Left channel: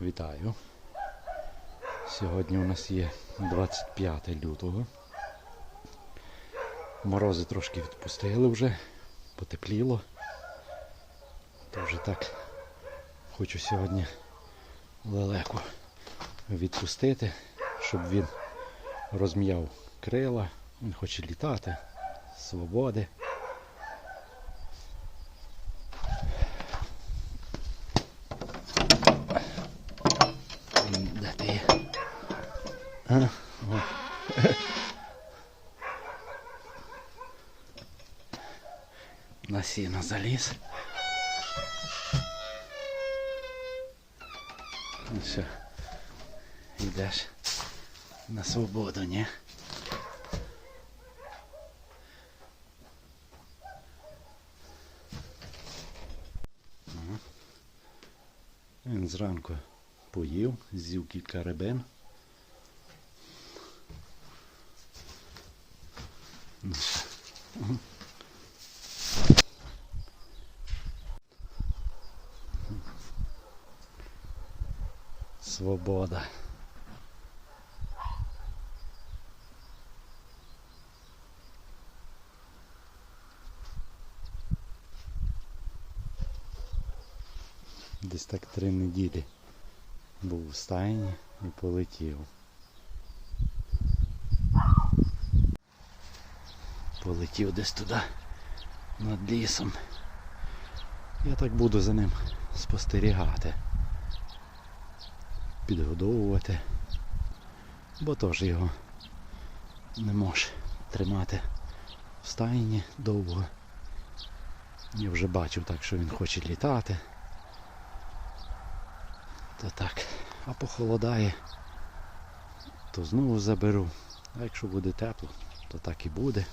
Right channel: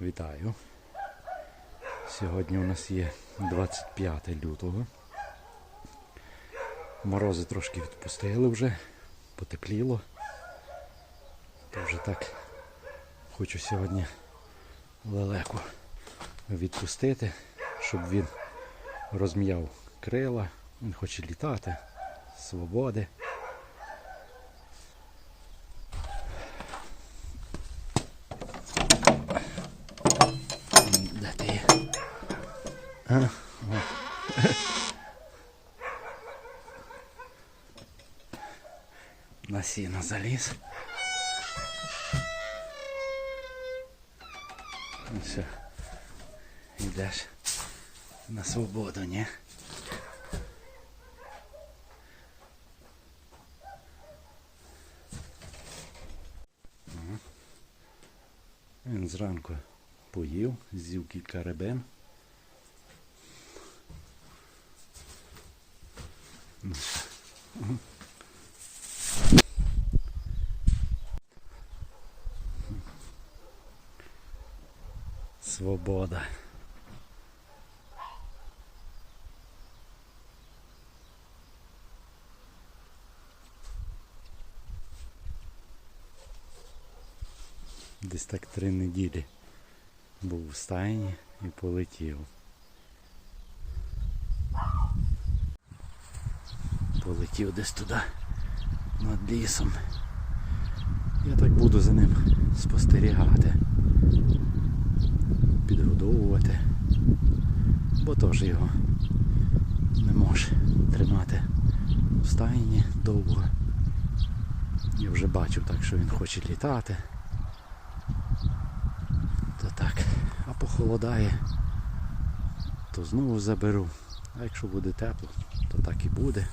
Вітаю. Сьогодні у нас є 25 лютого. Морози трошки відпустили вже, потепліло. То вже так хочу сьогодні лелеку відпустити, щоб він розм'яв крила, він хоче літати, свободи. М, Де ти є? А, о. На сіно заліз. Ну все. Йдеш на свободу, ні? Ага. Він зранку Поїв, з'їв кілька. Мгм. Свобода. Десь так три неділі був в стайні і полетів. Полетів десь туди над лісом. Я так буду за ним спостерігати, підгодовувати, бо теж його не може тримати в стайні довго. Я вже бачив так, що він хоче літати. Так, а похолодає, то знову заберу. А якщо буде тепло, то так і буде.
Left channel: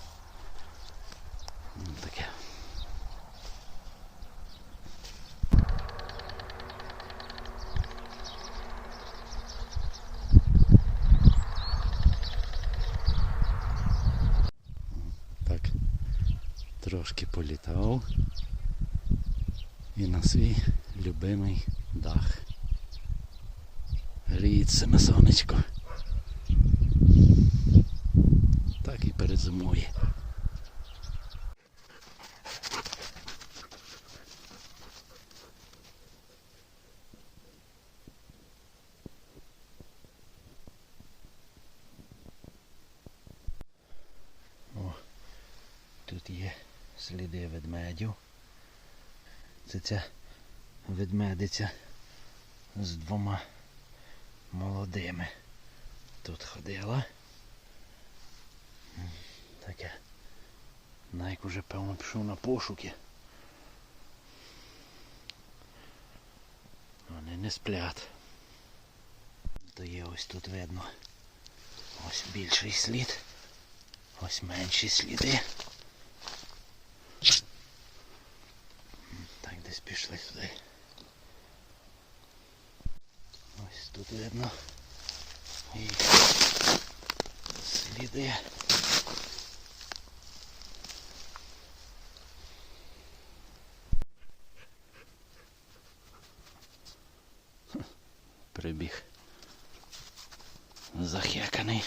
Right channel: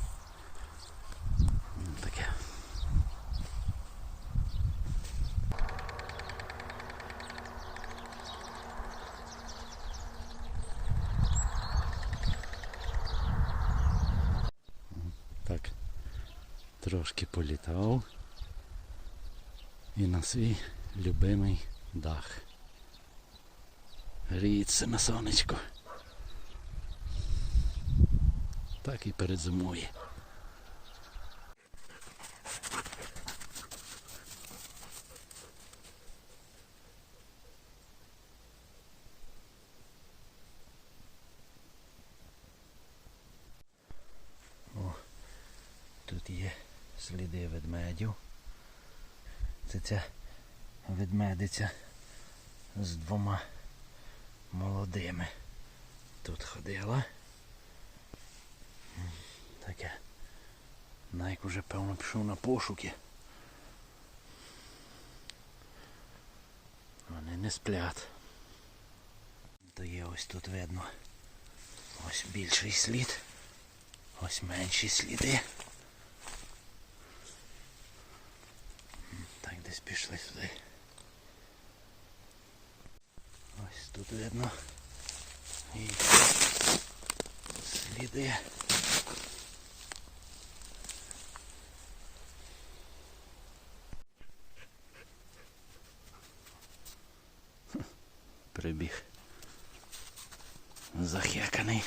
Таке. Так, трошки політав і на свій любимий дах. Гріється на сонечко. Так і перезимує. Тут є сліди ведмедів. Це ця ведмедиця з двома молодими. Тут ходила. Таке. Найк уже певно пішов на пошуки. Вони не сплять. То є ось тут видно. Ось більший слід. Ось менші сліди. М, Так десь пішли сюди. Ось тут видно. І сліди. Прибіг. Захеканий.